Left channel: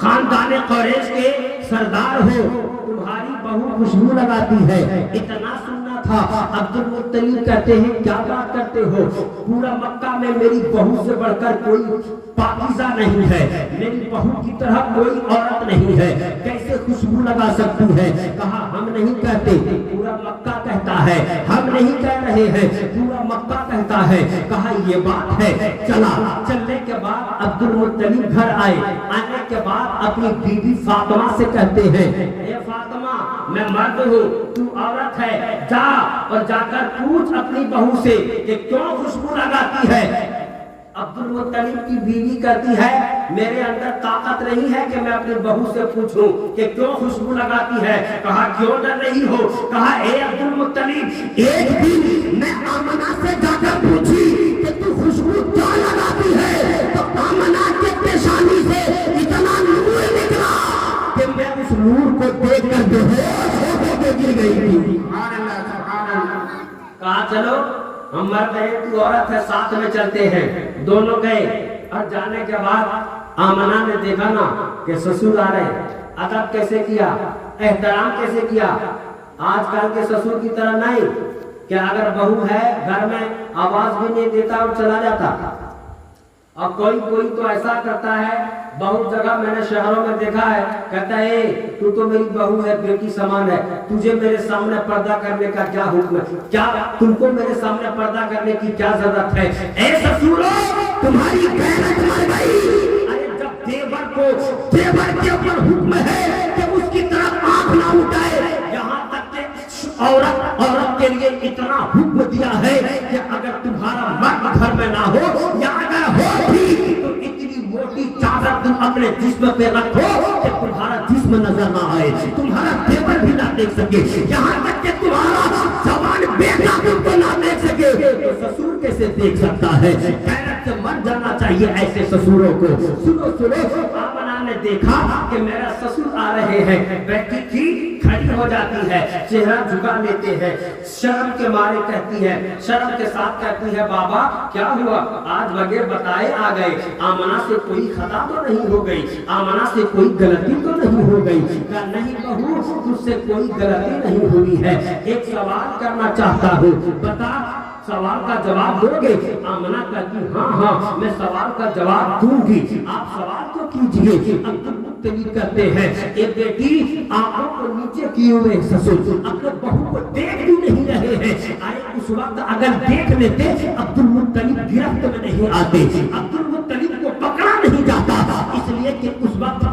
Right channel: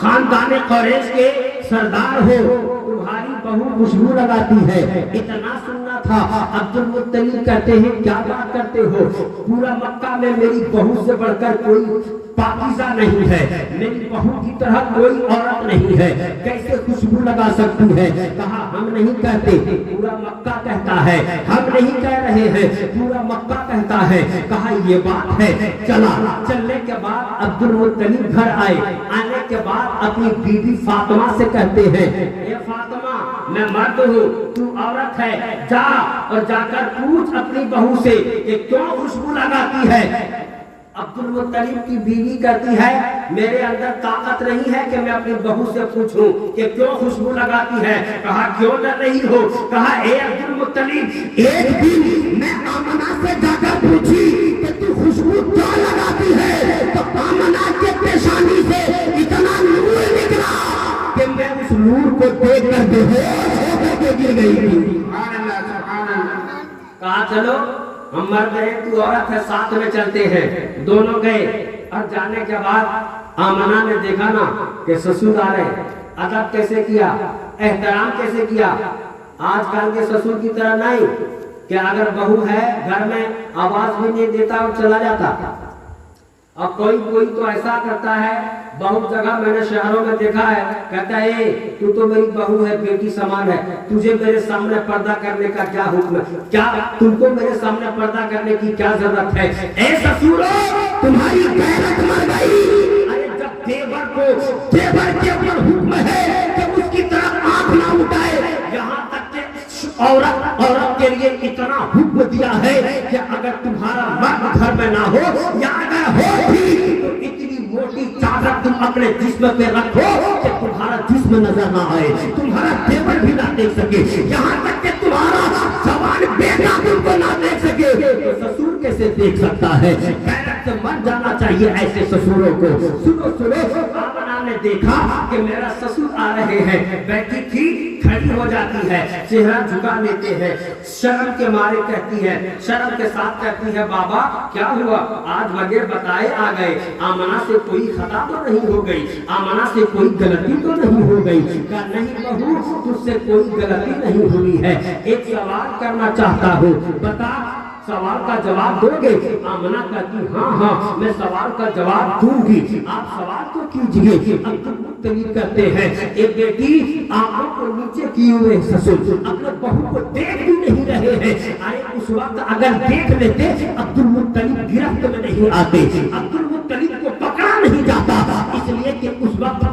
खानदान कुरैश के सरदार हो, तुम्हारी बहू खुशबू लगाती है, इतना सुनना था। अब्दुल मुत्तलिब कहते हैं क्या बात करते हो, पूरा मक्का में मेरी बहू से बढ़कर कोई पाकीज़ा नहीं है, मेरी बहू की तरह कोई औरत नहीं है, कैसे खुशबू लगा सकती है। कहा हम नहीं कहते, पूरा मक्का कहता है, हम नहीं कह रहे हैं, पूरा मक्का कहता है। कहा ये बात है। चला, चलने के बाद अब्दुल मुत्तलिब घर आए, आने के बाद अपनी बीवी फातिमा से कहते हैं, ए फातिमा, मैं मर्द हूँ, तू औरत है, जा और जाकर पूछ अपनी बहू से कि क्यों खुशबू लगाती है। अब्दुल मुत्तलिब की बीवी कहती है, मेरे अंदर ताकत नहीं है कि मैं अपनी बहू से पूछूं कि क्यों खुशबू लगाती है। कहा क्यों डर रही हो। कहा ए अब्दुल मुत्तलिब, एक दिन मैं आमना से जाकर पूछी कि तू खुशबू क्यों लगाती है, तो आमना के पेशानी से इतना नूर निकला कि मैं उस नूर को देख कर बेहोश होकर गिर गई थी। कहा चलो हम मर्द हैं, तू औरत है, साथ में चलते हैं। दोनों गए और जाने के बाद आमना ने देखा ना कि ससुर आ रहे, अदब कैसे किया, एहतराम कैसे किया। आजकल के ससुर की तरह नहीं कि अगर बहू है घर में आवाज भी नहीं देता और चला जाता। और कोई कोई तो ऐसा करता है, बहुत जगह मैंने शहरों में देखा है, कहता है तू तो मेरी बहू है, बेटी समान है, तुझे मेरे सामने पर्दा करने का क्या हुक्म है, क्या तुमको मेरे सामने पर्दा करने की क्या जरूरत है। ऐ ससुरो, तुम्हारी गैरत मर गई। अरे जब देवर को देवर के ऊपर हुक्म है तो उसकी तरफ आंख न उठाए। यहाँ तक कि औरत के लिए इतना हुक्म दिया है कि अगर तुम्हारा मर्द घर में ना हो या अगर हो भी तो इतनी मोटी चादर तुम अपने जिस्म पे रखो कि तुम्हारा जिस्म नजर ना आए, तुम्हारा देवर भी ना देख सके, यहाँ तक कि तुम्हारा जवान बेटा तुमको ना देख सके। तो ससुर कैसे देख सकता है। गैरत से मर जाना चाहिए ऐसे ससुरों को। सुनो सुनो, आमना ने देखा कि मेरा ससुर आ रहे हैं, बैठी थी खड़ी हो जाती है, चेहरा झुका लेते हैं, शर्म के मारे कहती है, शर्म के साथ कहती है, बाबा क्या हुआ, आज बगैर बताए आ गए, आमना से कोई खता तो नहीं हो गई, आमना से कोई गलती तो नहीं हो गई। नहीं बहू, तुझसे कोई गलती नहीं हुई है, एक सवाल करना चाहता हूँ, बता सवाल का जवाब दोगे। आमना कहती हाँ हाँ मैं सवाल का जवाब दूंगी, आप सवाल तो कीजिए। अब्दुल मुत्तलिब कहते हैं, एक बेटी आंखों को नीचे किए हुए ससुर अपने बहू को देख भी नहीं रहे हैं। अरे उस वक्त अगर देख लेते अब्दुल मुत्तलिब गिरफ्त में नहीं आते। अब्दुल